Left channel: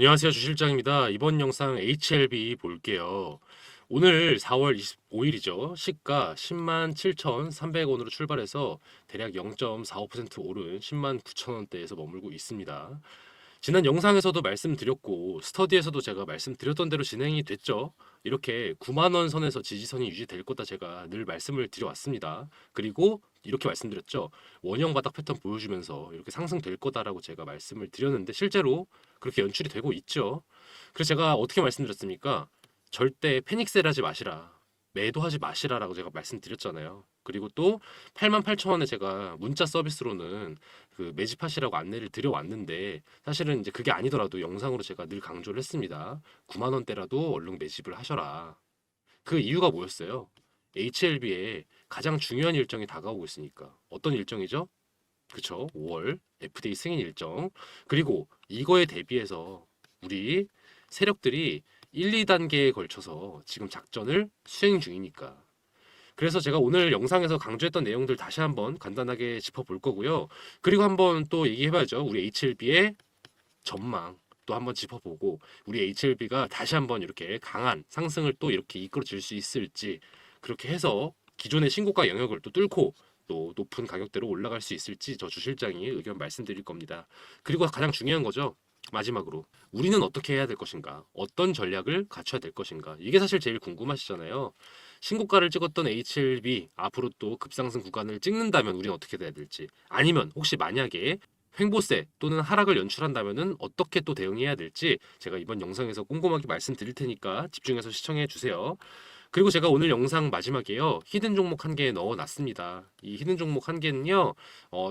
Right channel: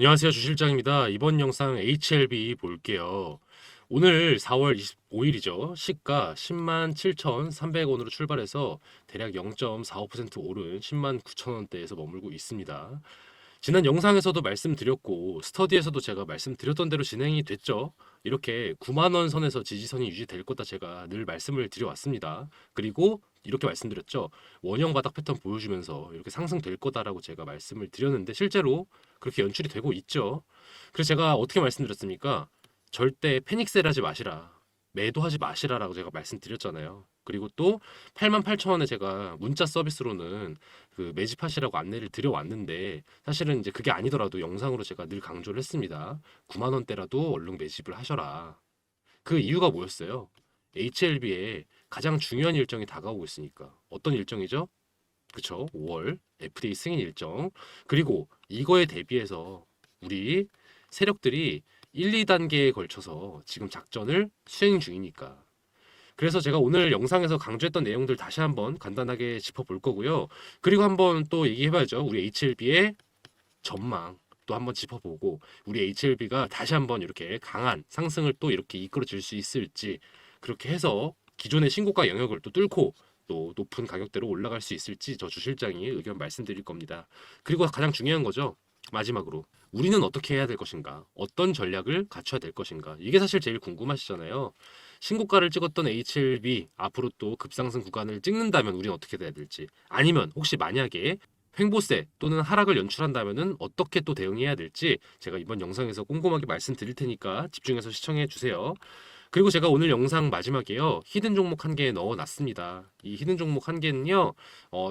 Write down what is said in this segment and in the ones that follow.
안녕하세요. 주실장입니다. 이번 영상 HLB 볼게요. 오늘 4월 25일이죠. 시가 10만 7,300원으로 출발해서 대략 0.45% 오른 10만 9천원대에서 머물고 있습니다. 지난 영상에서도 말씀드렸고 스터디에서도 제가 말씀드렸던 대로 진행이 됐죠. 이렇게 9만 원 선에서 지지선이 유지될 거다 제가 늘 말씀을 드려왔습니다. 그리고 이렇게 말씀드렸죠. 원형 바닥 패턴 보여주면서 이렇게 상승될 거다라고 제가 말씀을 드렸는데 실제로 그렇게 연출이 되고 있죠. 그래서 제가 어떻게 말씀드렸습니까? 절대 패닉셀 하지 마시라. 매도하지 마시라라고 제가 말씀드렸잖아요. 그리고 또 88,000원에 제가 문자 서비스로는 그 매집하시라고 안내를 드려왔는데 사실은 이제 그게 아니더라도 영상으로 제가 늘 강조를 했습니다. 9만 원대라도 얼른 매집을 하셔라. 그 이유가 뭐였어요? HLB에 가장 중요한 일정이 다가오고 있으니까. 어떤 일정이죠? 그쵸? 5월 FDA 승인 일정. 그리고 이거에 대비해서 우리 세력들이 1, 2단계에 걸쳐서 지금 작전을 수행 중이니까. 그래서 제가 오늘 영상에서 강조했던 내용들 다시 한번 간단하게 짚어볼 거고요. 그리고 한번 또 얘기해봐야죠. 우리 HLB의 전망 또 한번 짚어보고 우리 HLB가 다시 한번 이렇게 강한 상승을 또 이렇게 이끌어줄 수 있을지 그렇게 해서 기존의 신고가 영역을 또 뚫고 또 높은 가격대로 올라갈 수 있을지 저 주실장이 의견 말씀드릴 겁니다. 그리고 가장 중요한 거죠. 마지막으로 우리는 어떻게 해야 될 것인가? 어떤 전략을 갖춰야 될 것인가? 이게 사실 제일 궁금하시잖아요. 신고가를 찍었던 HLB 앞으로 또 급상승 구간을 찍는다면 우리는 어떻게 돼야 될지 아니면 혹시 만약에 횡보세 또는 하락을 연출한다면은 어떻게 또 대응해야 될지 제가 이번 영상에서 꼼꼼하게 말씀드릴 테니까 집중해서 시청해 주세요. 그리고 제가 오늘 영상 마지막에요. 히든 종목 한 개 넣어놨습니다. 이 히든 종목 한 개는요.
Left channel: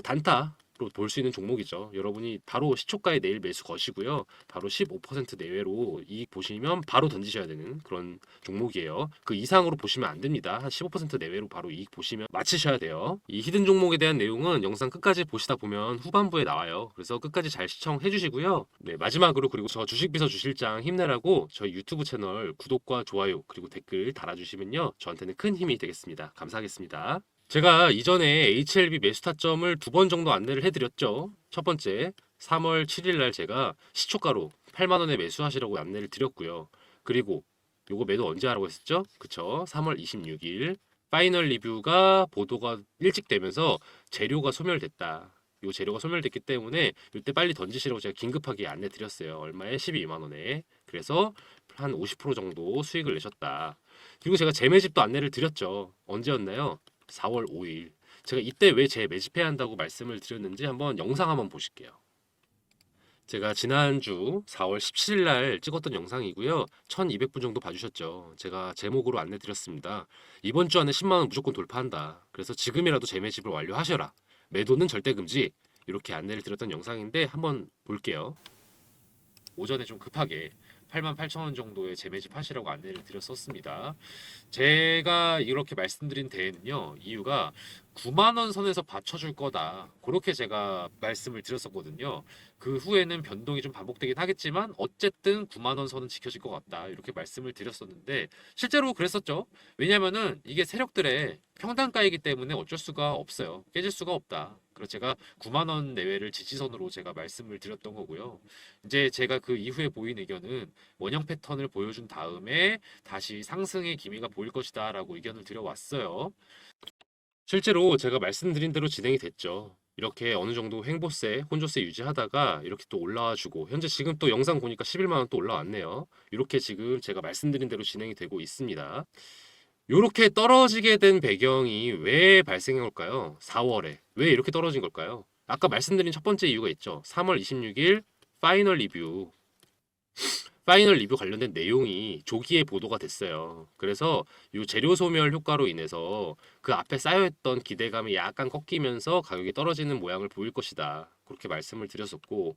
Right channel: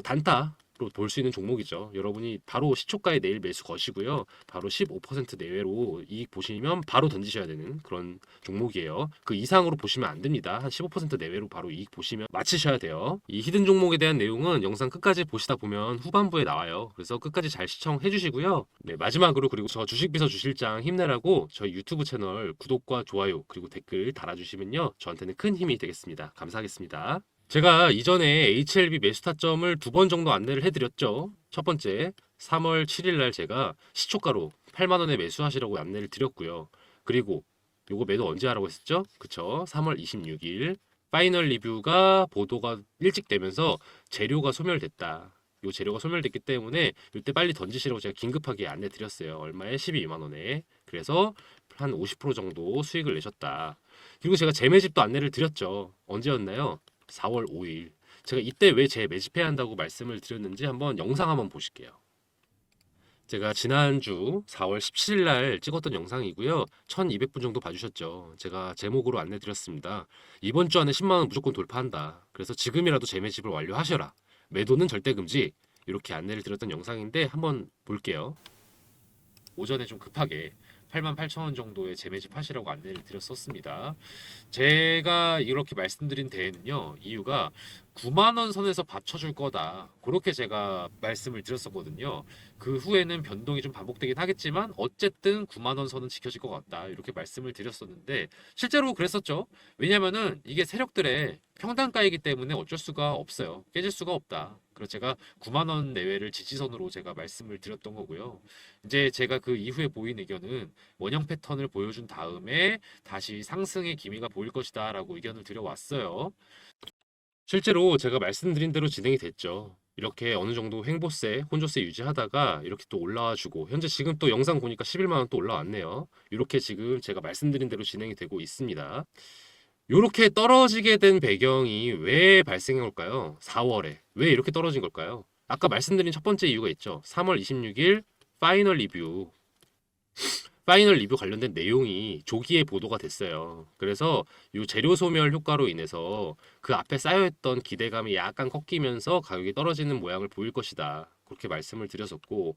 단타 볼 수 있는 종목이죠. 여러분이 바로 시초가에 내일 매수 거시고요. 바로 15% 내외로 이익 보시면 바로 던지셔야 되는 그런 종목이에요. 그 이상으로 보시면 안 됩니다. 한 15% 내외로 바로 이익 보시면 마치셔야 돼요. 이 히든 종목에 대한 내용은 영상 끝까지 보시다 보면 후반부에 나와요. 그래서 끝까지 잘 시청해 주시고요. 네, 마지막으로 그리고 저 주식비서 주실장 힘내라고 저희 유튜브 채널 구독과 좋아요 그리고 댓글 달아주시면요. 저한테는 큰 힘이 되겠습니다. 감사하겠습니다. 제가 이전에 HLB 매수 타점을 두 번 정도 안내를 해드렸죠. 첫 번째, 3월 7일 날 제가 시초가로 8만 원에 매수하시라고 안내를 드렸고요. 그리고 요거 매도 언제 하라고 했었죠? 그쵸? 3월 26일 파이널 리뷰가 보도가 일찍 되면서 재료가 소멸됐다. 요 재료가 소멸됐기 때문에 이때 빨리 던지시라고 제가 긴급하게 안내 드렸어요. 얼마에? 12만 원에. 그래서 한 50% 정도 수익을 내셨다. 그리고 제가 재매집도 안내를 드렸죠. 언제였나요? 4월 5일. 제가 이때 왜 재매집해야 한다고 말씀을 드렸는지 한번 영상 한번 보실게요. 제가 지난주 4월 17일 날 찍었던 영상이고요. 1200분 정도 봐주셨죠. 제가 제목으로 안내 드렸습니다. 이번 주 안에 10만 원 무조건 돌파한다. 그래서 지금이라도 재매집을 완료하셔라. 매도는 절대 금지. 이렇게 안내를 드렸던 영상인데 한번 볼게요. 오전에 좀 급하게 88,000원 정도의 재매집 하시라고 안내를 드렸었습니다. 제가 이렇게 말씀드린 데에는요, 이유가 9만원 선에서 받쳐줄 거다. 그렇게 제가 말씀을 드렸었거든요. 그 후에는 변동이 좀 반복되긴 하겠지만, 어쨌든 9만원 선은 지켜질 것 같다. 이렇게 말씀을 드렸었는데, 실제로 그랬었죠. 왜냐면은 이게 세력들의 평단가이기 때문에 어쩔 수가 없어요. 깨질 수가 없다. 그래서 제가 9만원 내외를 지지선으로 제가 말씀을 드렸던 거고요. 이제 제가 그 이후에 보인 의견은 원형 패턴을 보여준 다음에 다시 상승의 기미가 보일 것이다 라고 의견을 드려왔어요. 실제로 제가 말씀드린 대로 진행이 됐죠. 이렇게 어느 정도 횡보세, 혼조세 유지하다가 이렇게 또 올라와주고 현재 지금 또 영상 보니까 11만 원 또 올라왔네요. 이렇게 지금 제가 말씀드린 대로 진행이 되고 있습니다. 이렇게 떨어지게 된 배경이 왜 발생한 걸까요? 4월에 왜 이렇게 떨어진 걸까요? 아까 말씀드린 첫 번째 이유가 있죠. 3월 26일 파이널 리뷰 관련된 내용이 조기에 보도가 됐어요. 그래서 이 재료 소멸 효과로 인해서 그 앞에 쌓여있던 기대감이 약간 꺾이면서 가격이 떨어지는 모양을 보일 것이다. 그렇게 말씀을 드렸었고,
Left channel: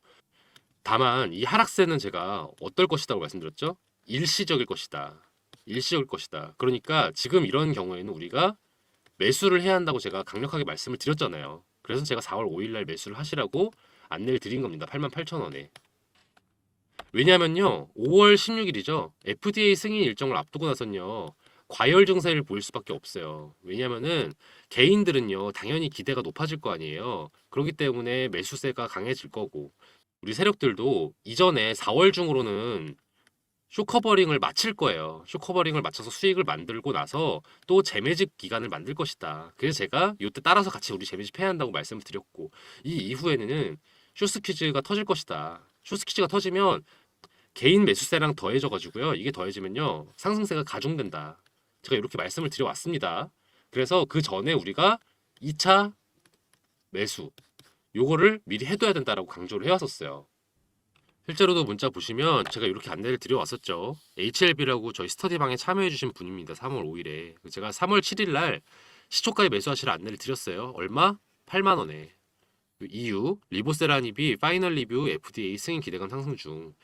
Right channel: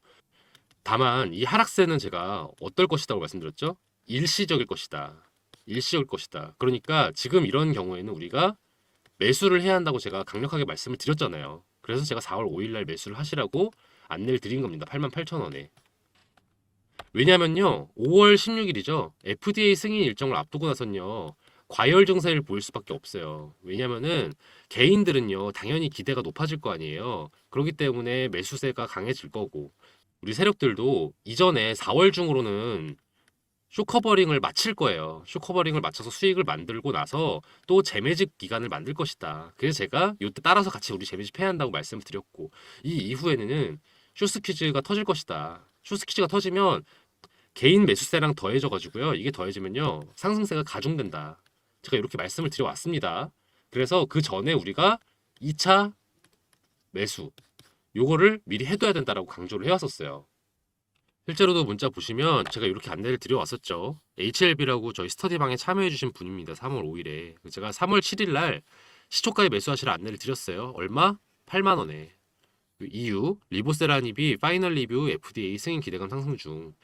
다만 이 하락세는 제가 어떨 것이라고 말씀드렸죠? 일시적일 것이다. 일시적일 것이다. 그러니까 지금 이런 경우에는 우리가 매수를 해야 한다고 제가 강력하게 말씀을 드렸잖아요. 그래서 제가 4월 5일 날 매수를 하시라고 안내를 드린 겁니다. 88,000원에. 왜냐면요, 5월 16일이죠. FDA 승인 일정을 앞두고 나선요, 과열 증세를 보일 수밖에 없어요. 왜냐면은 개인들은요, 당연히 기대가 높아질 거 아니에요. 그렇기 때문에 매수세가 강해질 거고, 우리 세력들도 이전에 4월 중으로는 쇼커버링을 마칠 거예요. 쇼커버링을 맞춰서 수익을 만들고 나서 또 재매집 기간을 만들 것이다. 그래서 제가 이때 따라서 같이 우리 재매집 해야 한다고 말씀을 드렸고, 이 이후에는 쇼스퀴즈가 터질 것이다. 쇼스퀴즈가 터지면 개인 매수세랑 더해져가지고요. 이게 더해지면요, 상승세가 가중된다. 제가 이렇게 말씀을 드려왔습니다. 그래서 그 전에 우리가 2차 매수 요거를 미리 해둬야 된다라고 강조를 해왔었어요. 실제로도 문자 보시면 제가 이렇게 안내를 드려왔었죠. HLB라고 저희 스터디방에 참여해주신 분입니다. 3월 5일에. 제가 3월 7일 날 시초가에 매수하시라 안내를 드렸어요. 얼마? 8만 원에. 이유, 리보세라닙이 파이널 리뷰 FDA 승인 기대감 상승 중.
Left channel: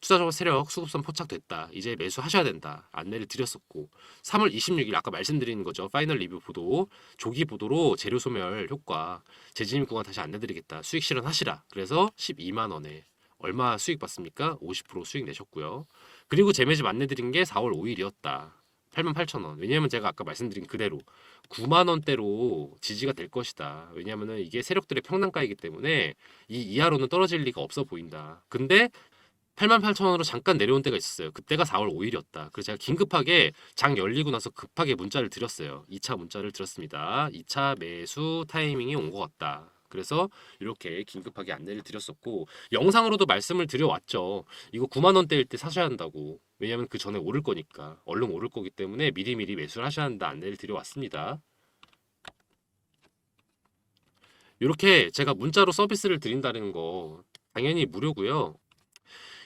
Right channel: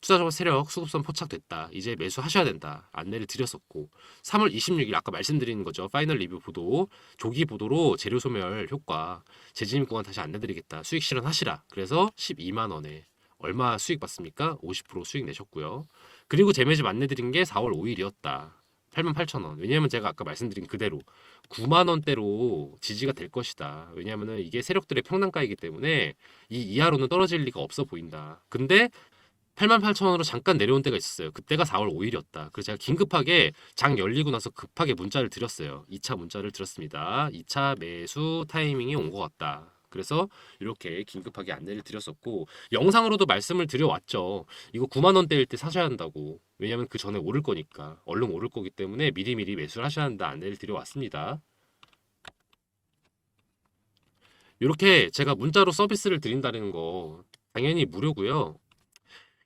투자자 세력 수급선 포착됐다. 이제 매수하셔야 된다. 안내를 드렸었고, 3월 26일 아까 말씀드린 거죠. 파이널 리뷰 보도, 조기 보도로 재료 소멸 효과, 재진입 구간 다시 안내드리겠다. 수익 실현하시라. 그래서 12만 원에 얼마 수익 받습니까? 50% 수익 내셨고요. 그리고 재매집 안내드린 게 4월 5일이었다. 88,000원. 왜냐면 제가 아까 말씀드린 그대로 9만 원대로 지지가 될 것이다. 왜냐면은 이게 세력들의 평단가이기 때문에 이 이하로는 떨어질 리가 없어 보인다. 근데 88,000원으로 잠깐 내려온 때가 있었어요. 그때가 4월 5일이었다. 그래서 제가 긴급하게 장 열리고 나서 급하게 문자를 드렸어요. 2차 문자를 드렸습니다. 2차 매수 타이밍이 온 것 같다. 그래서 이렇게 긴급하게 안내를 드렸었고, 영상으로도 말씀을 드려왔죠. 이거 9만 원대일 때 사셔야 한다고. 왜냐면 그 전에 오를 거니까. 얼른 오를 거기 때문에 미리미리 매수를 하셔야 한다 안내를 드려왔습니다. 이렇게 제가 문자로 서비스를 드린다는 거 당연히 무료고요.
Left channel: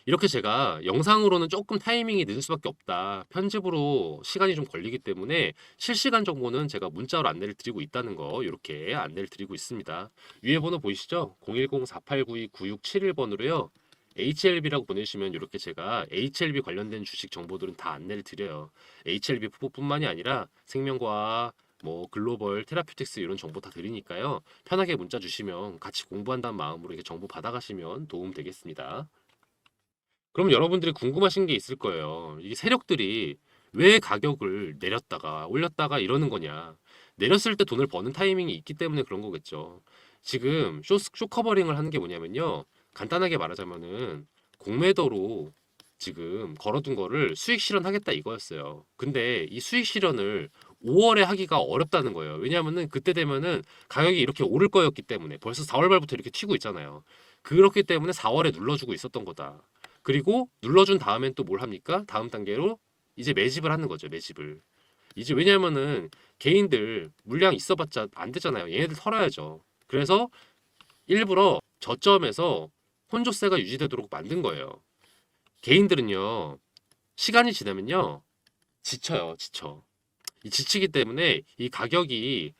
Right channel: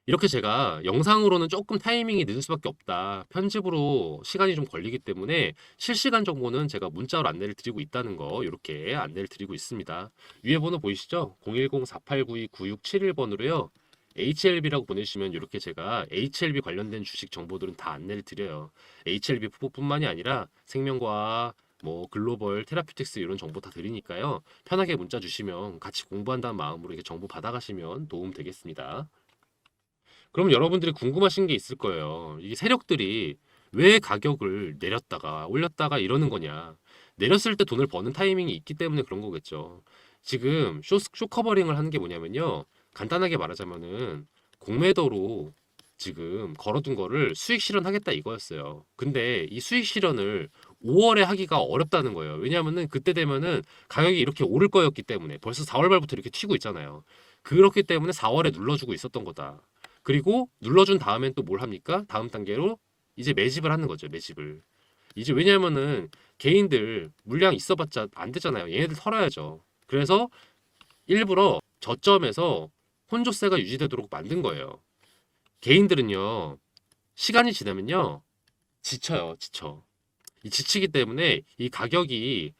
이렇게 제가 영상으로는 조금 타이밍이 늦을 수밖에 없다. 편집으로 시간이 좀 걸리기 때문에 실시간 정보는 제가 문자로 안내를 드리고 있다는 거 이렇게 안내를 드리고 있습니다. 위에 번호 보이시죠? 010-4892-9671번으로요. HLB라고 보내시면 이렇게 제가 HLB 관련된 주식 정보들은 다 안내를 드려요. HLB 뿐만이 아니라 생명과학, 뭐 글로벌 테라퓨틱스 이런 정보 다 드리니까요. 편하게 문자 주시면 같이 공부한다는 마음으로 이렇게 정보 받아가시면 도움 되겠습니다. 그럼 여러분들이 궁금하신 게 있을 거예요. 이 세력들이 왜 가격을 내렸다가 올렸다가 이러는 거냐. 내렸을 때 돈을 버는 타이밍이 있기 때문에 그런 거겠죠. 지금 쇼커버링을 하는 게 뭐냐면요. 간단하게 말하자면은 공매도로 지금 걸어둔 거를 수익 실현하겠다 이거였어요. 근데 이 수익 실현을 5월에 하기가 어렵다는 거예요. 왜냐하면은 그때 되면은 가격이 이렇게 오를 거였기 때문에 벌써 4월 말부터 이렇게 튀고 있잖아요. 그렇기 때문에 4월에 눌러주고 있었던 거다. 그리고 눌러준 다음엔 또 뭘 합니까? 다음 단계로 이제 매집을 하는 거죠. 매집을. 이제 왜냐면은 개인들 물량 있어봤자 안 되잖아요. 얘네들 털어야죠. 그래서 일부러 저점에서 혼조세가 유지되도록 만든 거예요. 개인들은요, 시간이 지나면요, 지쳐요. 지쳐. 이 지치기 때문에 이 가격이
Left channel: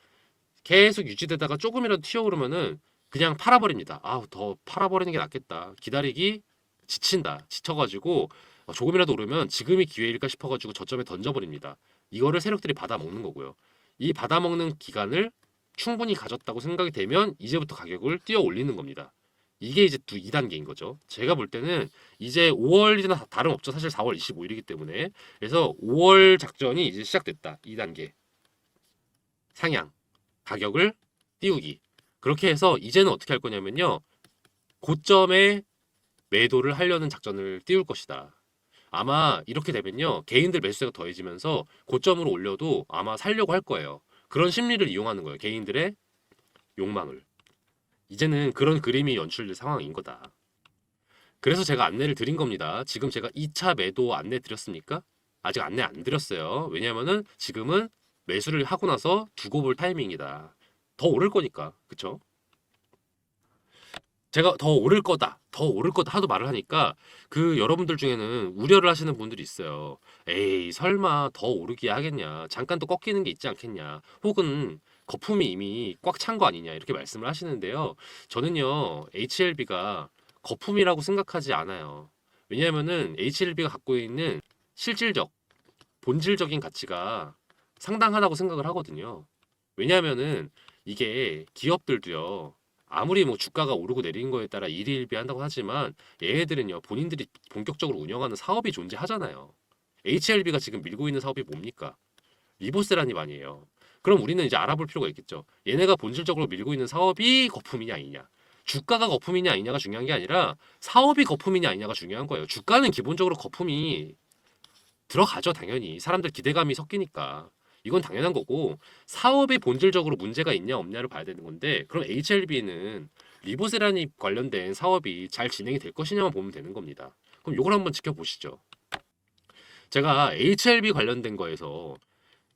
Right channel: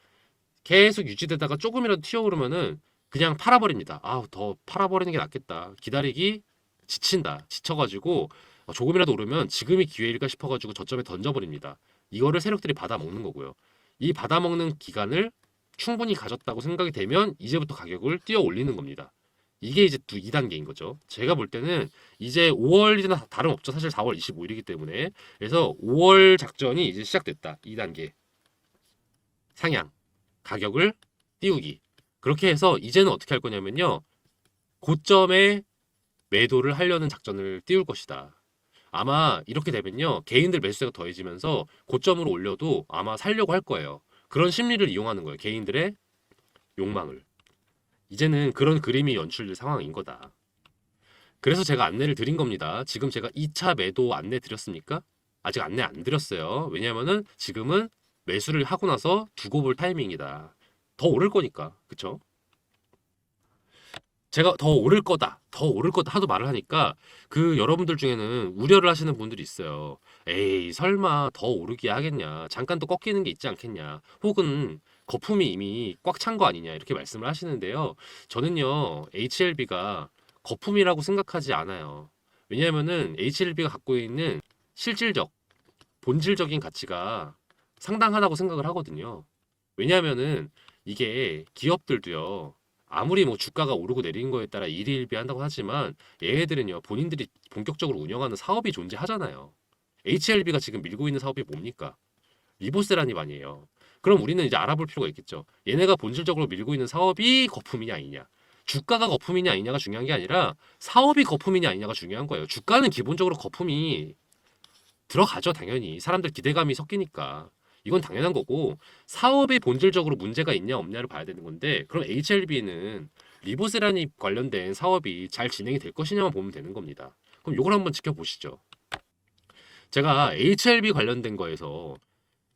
계속 유지되다가 조금이라도 튀어오르면은 그냥 팔아버립니다. 아, 더 팔아버리는 게 낫겠다. 기다리기 지친다. 지쳐가지고 조금이라도 오르면 지금이 기회일까 싶어가지고 저점에 던져버립니다. 이거를 세력들이 받아먹는 거고요. 이 받아먹는 기간을 충분히 가졌다고 생각이 되면 이제부터 가격을 뛰어 올리는 겁니다. 이게 이제 또 2단계인 거죠. 제가 볼 때는 이제 5월이나 다름없죠. 사실 4월 25일이기 때문에. 그래서 5월 작전이 이제 시작됐다. 2단계. 상향. 가격을 띄우기. 그렇게 해서 이제는 어떻게 할 거냐면요. 고점에 매도를 하려는 작전을 띄울 것이다. 아마 이렇게 되면요. 개인들 매수세가 더해지면서 고점으로 올려도 아마 살려고 할 거예요. 그런 심리를 이용하는 거예요. 개인들의 욕망을. 이제는 그런 그림이 연출될 상황인 거다. 그래서 제가 안내를 드린 겁니다. 지금 제가 2차 매도 안내 드렸습니까? 아직 안내 안 드렸어요. 왜냐면은 지금은 매수를 하고 나서 두고 볼 타이밍이다. 더 오를 거니까. 그쵸? 제가 더 오를 거다, 더 오를 거다 하도 말을 하니까 그 여러분들 중에는 우려를 하시는 분들이 있어요. 에이, 설마 더 오르기 하겠냐? 잠깐 또 꺾이는 게 있지 않겠냐? 혹은 거품이 이미 꽉 찬 거 아니냐? 이렇게 말씀을 하시는데요. 저는요, HLB가 거품이라고 생각하지 않아요. 왜냐하면은 HLB가 갖고 있는 실질적, 본질적인 가치가 상당하다고 생각을 하거든요. 왜냐하면은 이게 기업들도요. 아무리 뭐 주가가 오르고 내리는 거에 따라 일희일비한다고 하지만 얘네들은요 본인들이 본격적으로 운영하는 사업이 존재하잖아요. HLB가 지금 밀고 있는 사업이 뭡니까? 리보세라님 아니에요. 그럼 우리는 이제 알아볼 필요가 있겠죠. 얘네가 본질적으로 밀고 있는 사업이 거품이냐 아니냐. 주가가 거품이냐 아니냐가 중요한 게 아니라 사업이 거품이냐 아니냐가 중요한 거예요. 주가는 기본적으로 거품이 들어가죠, 당연히. 사람들 기대감이 섞이니까. 이건 당연한 거고, 사업에 본질적으로 문제가 있냐 없냐를 봐야 되는 건데, 그럼 HLB는 리보세라니 관련된 사업이 잘 진행이 될 것이냐만 보면 되는 겁니다. 그럼 이걸 한번 지켜보시죠. 제가 HLB 관련된 거에서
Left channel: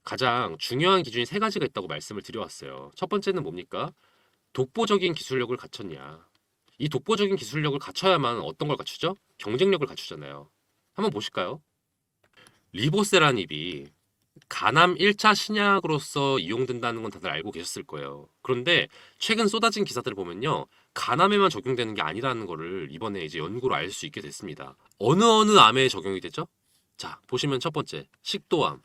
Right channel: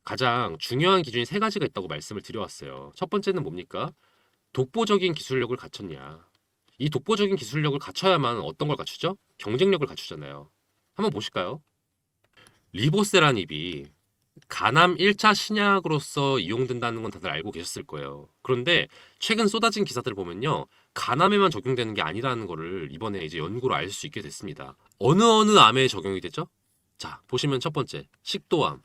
가장 중요한 기준이 세 가지가 있다고 말씀을 드려왔어요. 첫 번째는 뭡니까? 독보적인 기술력을 갖췄냐. 이 독보적인 기술력을 갖춰야만 어떤 걸 갖추죠? 경쟁력을 갖추잖아요. 한번 보실까요? 리보세라닙이 간암 1차 신약으로서 이용된다는 건 다들 알고 계셨을 거예요. 그런데 최근 쏟아진 기사들을 보면요. 간암에만 적용되는 게 아니라는 거를 이번에 이제 연구로 알 수 있게 됐습니다. 어느 암에 적용이 되죠? 자, 보시면 첫 번째, 식도암.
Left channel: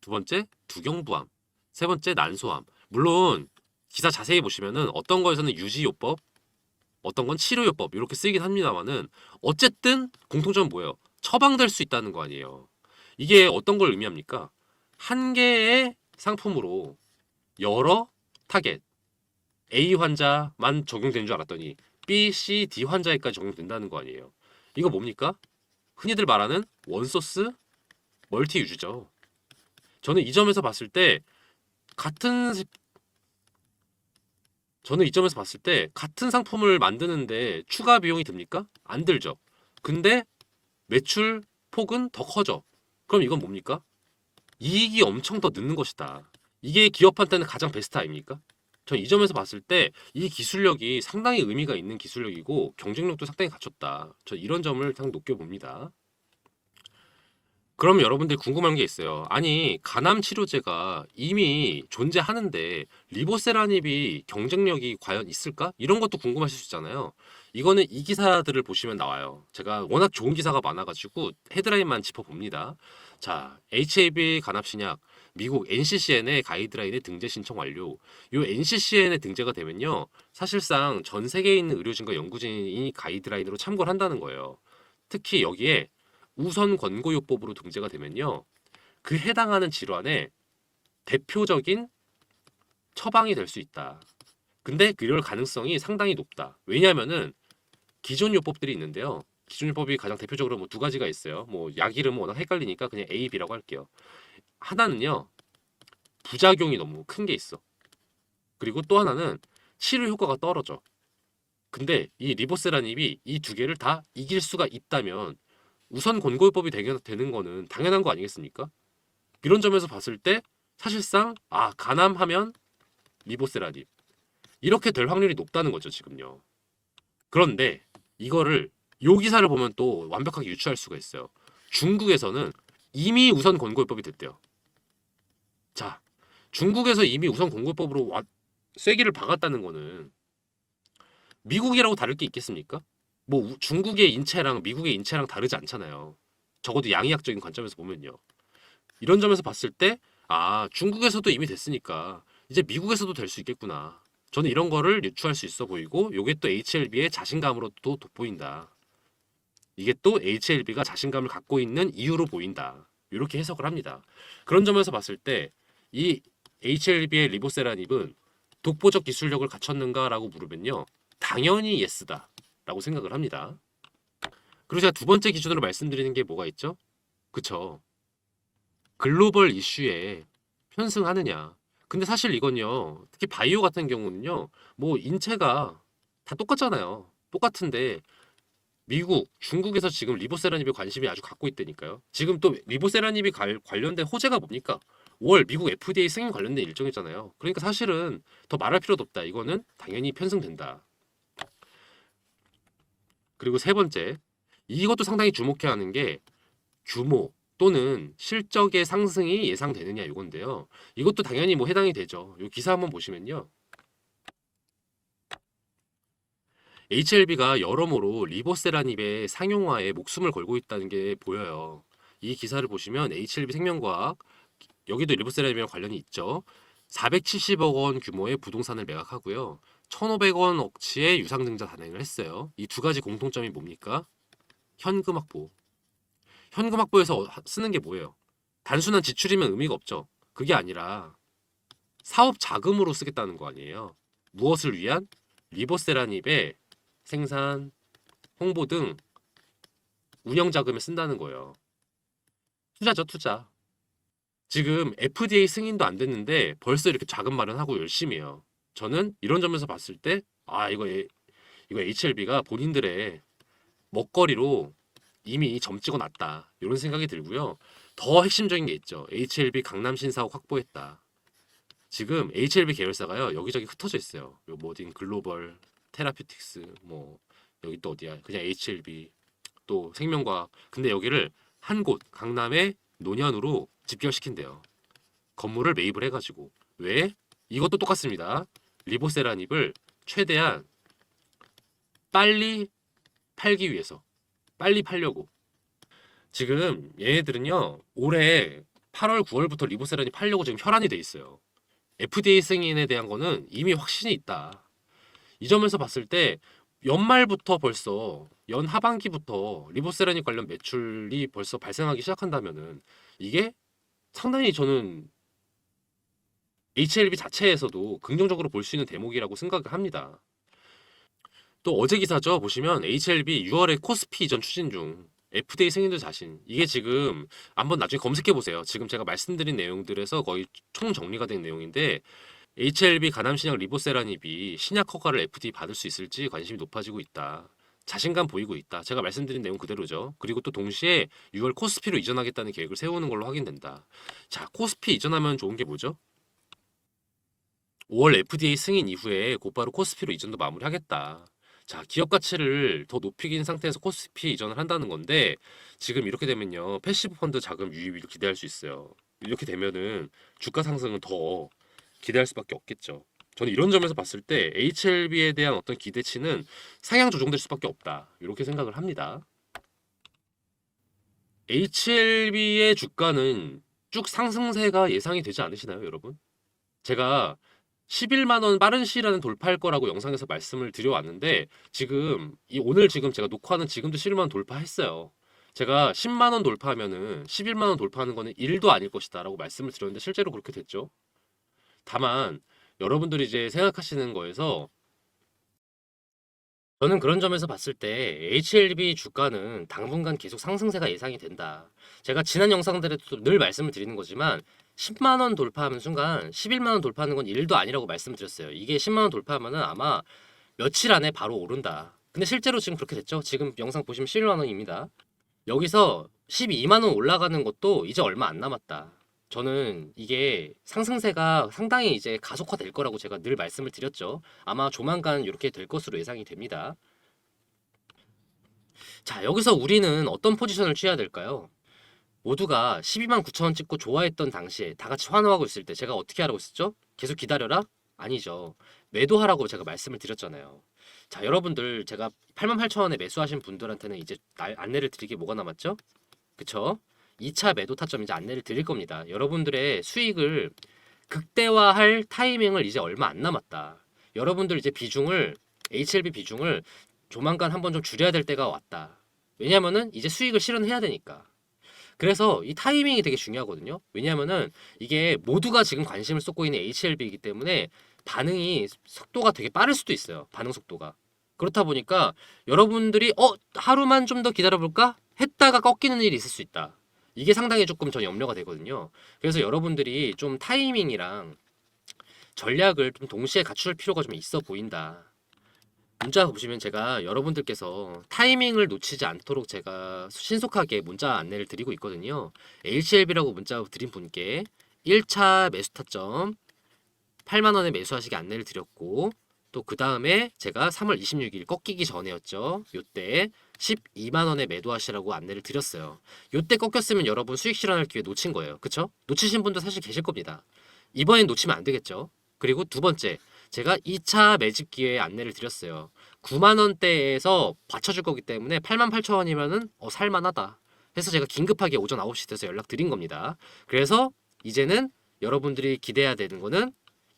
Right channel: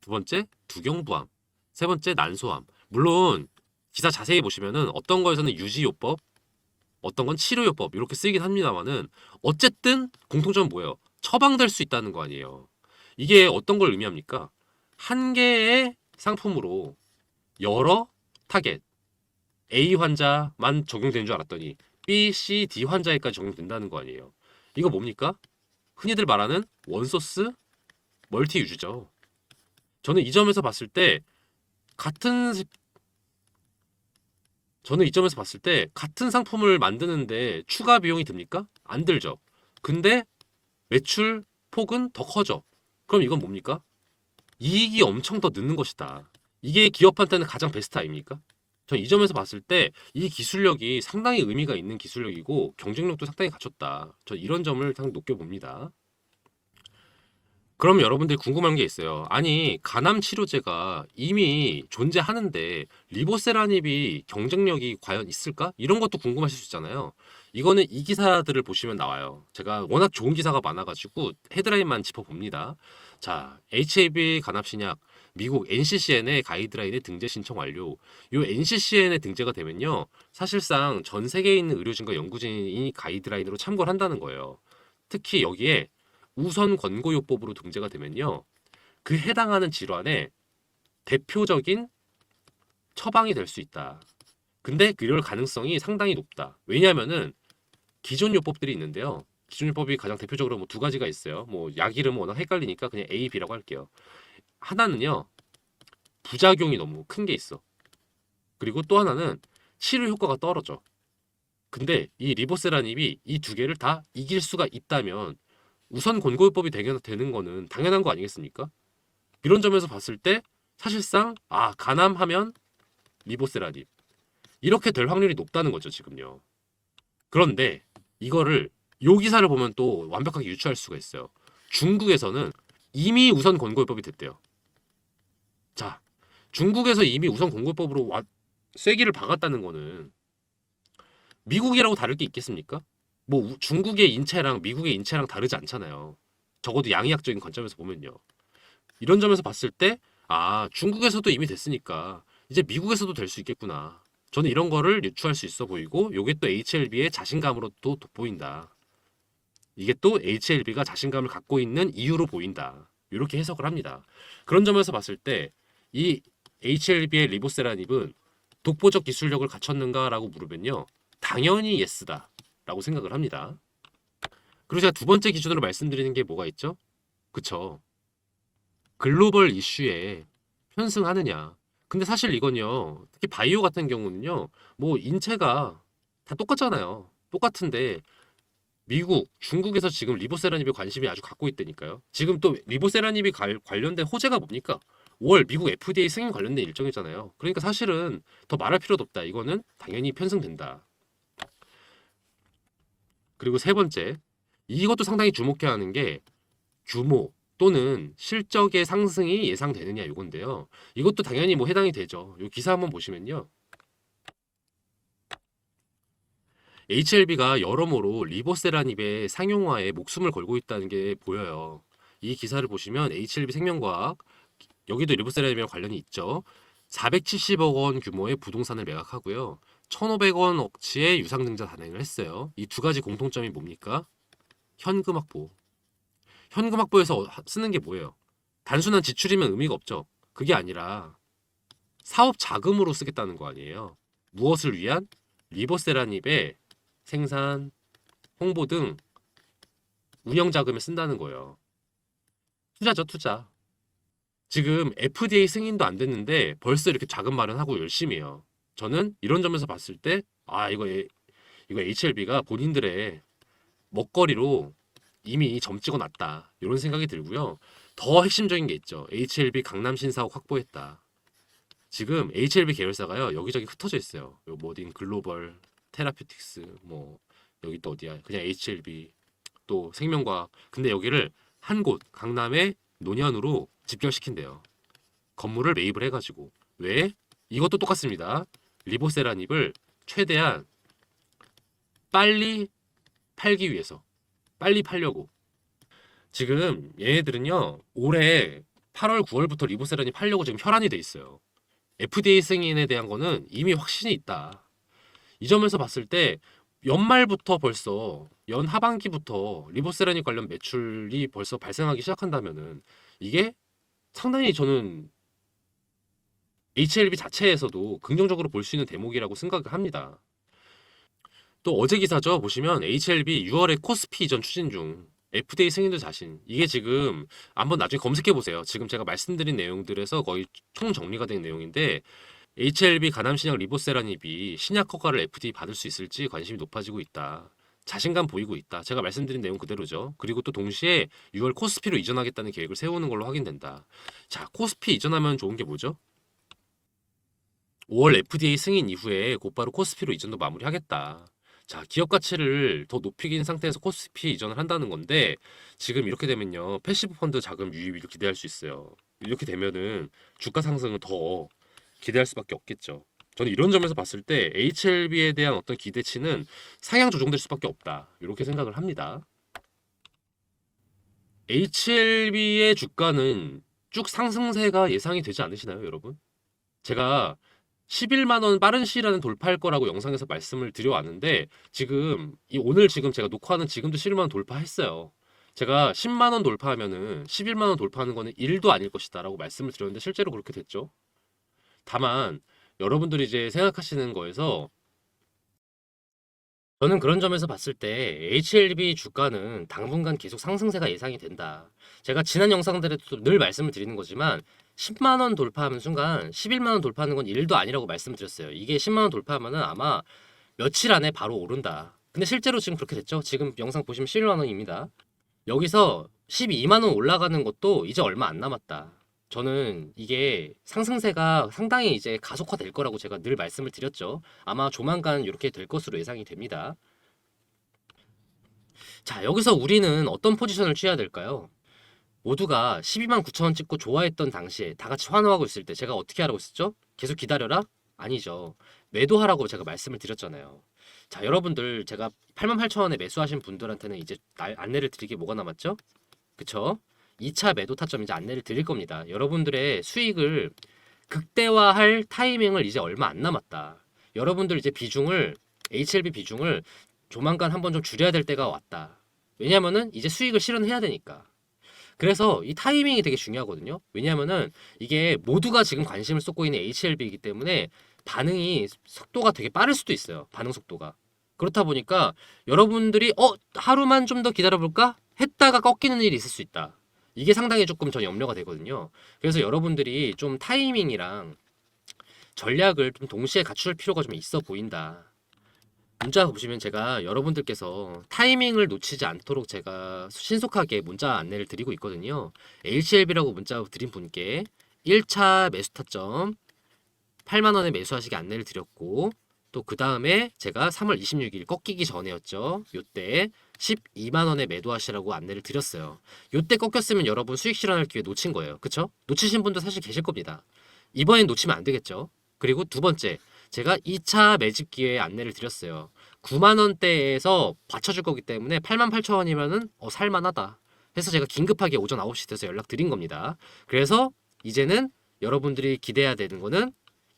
두 번째, 두경부암. 세 번째, 난소암. 물론 기사 자세히 보시면은 어떤 거에서는 유지요법, 어떤 건 치료요법 이렇게 쓰이긴 합니다만은 어쨌든 공통점은 뭐예요? 처방될 수 있다는 거 아니에요. 이게 어떤 걸 의미합니까? 한 개의 상품으로 여러 타겟 A 환자만 적용되는 줄 알았더니 B, C, D 환자에까지 적용된다는 거 아니에요. 이거 뭡니까? 흔히들 말하는 원소스 멀티 유즈죠. 저는 이 점에서 봤을 때 같은 상품을 만드는데 추가 비용이 듭니까? 안 들죠. 근데 매출 폭은 더 커져. 그럼 이건 뭡니까? 이익이 엄청 더 느는 것이다. 이게 기업한테는 가장 베스트 아닙니까? 전 이 점에서 봤을 때 이 기술력이 상당히 의미가 있는 기술력이고 경쟁력도 상당히 갖췄다. 전 이런 점을 상당히 높게 봅니다. 그럼 여러분들 궁금한 게 있어요. 아니, 간암 치료제가 이미 존재하는데 리보세라닙이 경쟁력이 과연 있을까? 이런 것도 궁금하실 수 있잖아요. 이거는 이 기사들을 보시면 나와요. 제가 워낙 좋은 기사가 많아가지고 헤드라인만 짚어봅니다. 자, HAB 간암신약 미국 NCCN의 가이드라인에 등재 신청 완료. 이 NCCN에 등재가 되면요, 사실상 전 세계에 있는 의료진과 연구진이 가이드라인으로 참고를 한다는 거예요. 특히 여기에 우선 권고요법으로 등재가 되면요, 그 해당하는 질환의 대표적인 처방이 될 수 있다. 근데 그럴 가능성이 상당히 높다. 왜냐면은 기존 요법들이 있는데요. 기존 요법이 가장 대표적으로 뭐 두 가지가 있어요. 뭐 약 이름은 워낙 헷갈리니까 그냥 A, B라고 할게요. 하나는요, 부작용이 너무 큰 게 있어. 그리고 또 하나는 치료 효과가 떨어져. 근데 이 리보세라닙이 이 두 개를 다 이길 수가 있다면 우선 권고요법이 되는 거는 당연한 거 아니겠습니까? 이런 점에서 봤을 때 사실상 간암하면 리보세라닙 이렇게 될 확률이 높다는 거죠, 지금요. 그런데 이거를 요 기사를 보면 또 완벽하게 유추할 수가 있어요. 중국에서는 이미 우선 권고요법이 됐대요. 자, 중국에서 이미 우선 권고요법으로 쐐기를 박았다는 거는 미국이라고 다를 게 있겠습니까? 뭐 중국의 인체랑 미국의 인체랑 다르지 않잖아요. 적어도 양의학적인 관점에서 보면요. 이런 점에서 봤을 때 중국에서도 이미 됐으니까 이제 미국에서도 될 수 있겠구나. 저는 이런 거를 유추할 수 있어 보이고, 요게 또 HLB의 자신감으로 또 돋보인다. 이게 또 HLB가 자신감을 갖고 있는 이유로 보인다. 이렇게 해석을 합니다. 그런 점에서 봤을 때 이 HLB의 리보세라닙은 독보적 기술력을 갖췄는가라고 물으면요, 당연히 예스다 라고 생각을 합니다. 그리고 제가 두 번째 기준으로 말씀드리는 게 뭐가 있죠? 그쵸, 글로벌 이슈에 편승하느냐. 근데 사실 이건요, 특히 바이오 같은 경우는요, 뭐 인체가 다 똑같잖아요. 똑같은데 미국, 중국에서 지금 리보세라닙에 관심이 아주 갖고 있다니까요. 지금 또 리보세라닙이 관련된 호재가 뭡니까? 월 미국 FDA 승인 관련된 일정이잖아요. 그러니까 사실은 더 말할 필요도 없다. 이거는 당연히 편승된다. 그리고 세 번째, 이것도 상당히 주목해야 하는 게 규모 또는 실적의 상승이 예상되느냐 이건데요. 이것도 당연히 뭐 해당이 되죠. 이 기사 한번 보시면요, HLB가 여러모로 리보세라닙의 상용화에 목숨을 걸고 있다는 게 보여요. 이 기사를 보시면 HLB 생명과학, 여기도 리보세라닙이랑 관련이 있죠. 470억 원 규모의 부동산을 매각하고요, 1,500원 억치의 유상증자 단행을 했어요. 이 두 가지 공통점이 뭡니까? 현금 확보. 현금 확보에서 쓰는 게 뭐예요? 단순한 지출이면 의미가 없죠. 그게 아니라 사업 자금으로 쓰겠다는 거 아니에요. 무엇을 위한? 리보세라닙의 생산, 홍보 등 운영 자금에 쓴다는 거예요. 투자죠, 투자. 지금 FDA 승인도 안 됐는데 벌써 이렇게 자금 마련하고 열심히 해요. 저는 이런 점에서 봤을 때, 아, 이거 HLB가 본인들의 먹거리로 이미 점 찍어놨다. 이런 생각이 들고요. 더 핵심적인 게 있죠. HLB 강남 신사옥 확보했다. 지금 HLB 계열사가요, 여기저기 흩어져 있어요. 뭐 어딘 글로벌, 테라피틱스, 뭐 여기 또 어디야? 그냥 HLB, 또 생명과학. 근데 여기를 한 곳, 강남의 논현으로 집결시킨대요. 건물을 매입을 해가지고. 왜? 이것도 똑같습니다. 리보세라닙을 최대한 빨리 팔기 위해서. 빨리 팔려고. 지금 얘네들은요, 올해 8월, 9월부터 리보세라닙 팔려고 지금 혈안이 돼 있어요. FDA 승인에 대한 거는 이미 확신이 있다. 이 점에서 봤을 때 연말부터 벌써 연 하반기부터 리보세라닙 관련 매출이 벌써 발생하기 시작한다면은 이게 상당히 저는 HLB 자체에서도 긍정적으로 볼 수 있는 대목이라고 생각을 합니다. 또 어제 기사죠. 보시면 HLB 6월에 코스피 이전 추진 중. FDA 승인도 자신. 이게 지금 한번 나중에 검색해 보세요. 지금 제가 말씀드린 내용들에서 거의 총 정리가 된 내용인데 HLB 가남신약 리보세라닙이 신약 허가를 FDA 받을 수 있을지 관심이 높아지고 있다. 자신감 보이고 있다. 제가 말씀드린 내용 그대로죠. 그리고 또 동시에 6월 코스피로 이전하겠다는 계획을 세우는 걸로 확인된다. 자, 코스피 이전하면 좋은 게 뭐죠? 5월 FDA 승인 이후에 곧바로 코스피로 이전도 마무리하겠다. 자, 기업 가치를 더 높이긴 상태에서 코스피 이전을 한다는 건데 지금 이렇게 되면요. 패시브 펀드 자금 유입을 기대할 수 있어요. 이렇게 되면은 주가 상승은 더 기대할 수밖에 없겠죠. 저는 이런 점에서 봤을 때 HLB에 대한 어떤 기대치는 상향 조정될 수밖에 없다. 이렇게 생각을 합니다. HLB의 주가는 쭉 상승세가 예상이 되지 않으시나요, 여러분? 제가 11만 원 빠른 시일안에 돌파할 거라고 영상에서 말씀을 드려왔는데 지금 오늘 지금 제가 녹화하는 지금도 11만 원 돌파했어요. 제가 10만 원 돌파하면은 11만 원 돌파하는 거는 1도 아닐 것이다라고 말씀을 드렸는데 실제로 그렇게 됐죠. 다만 여러분들이 이제 생각하시는 거에서 저는 그런 점에서 봤을 때 HLB 주가는 당분간 계속 상승세가 예상이 된다. 제가 지난 영상들에도 늘 말씀을 드리는 거지만 10만 원 돌파하는 순간 11만 원 돌파하는 건 1도 아니라고 말씀드렸어요. 이게 10만 원 돌파하면은 아마 며칠 안에 바로 오른다. 근데 실제로 지금 그렇게 됐죠. 지금 영상 보시면 11만 원입니다. 여기서 12만 원 올라가는 것도 이제 얼마 안 남았다. 저는 이게 상승세가 상당히 이제 가속화될 거라고 제가 늘 말씀을 드렸죠. 아마 조만간 이렇게 될 것으로 예상이 됩니다. 자, 여기서 우리는 어떤 포지션을 취해야 될까요? 모두가 12만 9천 원 찍고 좋아했던 당시에 다 같이 환호하고 있을 때 제가 어떻게 하라고 했었죠? 계속 기다려라? 아니죠. 매도하라고 제가 말씀을 드렸잖아요. 자, 여러분들 제가 8만 8천 원에 매수하신 분들한테는 이제 안내를 드릴 게 뭐가 남았죠? 그쵸? 2차 매도 타점 이제 안내를 드릴 겁니다. 여러분들의 수익을 극대화할 타이밍을 이제 얼마 안 남았다. 여러분들 이제 비중을 HLB 비중을 조만간 한번 좀 줄여야 될 때가 왔다. 왜냐면은 이제 수익을 실현해야 되니까. 그래서 이 타이밍이 되게 중요하거든요. 왜냐면은 이게 모두가 지금 관심을 쏟고 있는 HLB이기 때문에 반응이 속도가 되게 빠를 수도 있어요. 반응 속도가. 그렇다 보니까 여러분들이 하루만 좀 더 기다려볼까? 했다가 꺾이는 일이 있을 수 있다. 이게 상당히 조금 전 염려가 되거든요. 그래서 여러분들이 좀 타이밍이랑 전략을 좀 동시에 갖출 필요가 좀 있어 보인다. 문자 보시면 제가 여러분들께서 타이밍을 놓치지 않도록 제가 신속하게 문자 안내를 드리고 있거든요. HLB라고 문자 드린 분께 1차 매수 타점 8만 원에 매수하시게 안내를 드렸고 또 그 다음에 제가 3월 26일 꺾이기 전에였죠. 요때 12만 원에 매도하시라고 안내를 드렸어요. 요때 꺾였으면 여러분 수익 실현할 기회 놓친 거예요. 그쵸? 놓치신 분도 사실 계실 겁니다. 이번엔 놓치면 안 되겠죠. 그리고 두 번째, 제가 2차 매집 기회 안내를 드렸어요. 9만 원대에서 받쳐줄 거기 때문에 8만 8천 원이면은 살만하다. 해서 제가 긴급하게 오전 9시 돼서 연락 드린 겁니다. 그래서 이제는 여러분들이 기대해야 되는 거는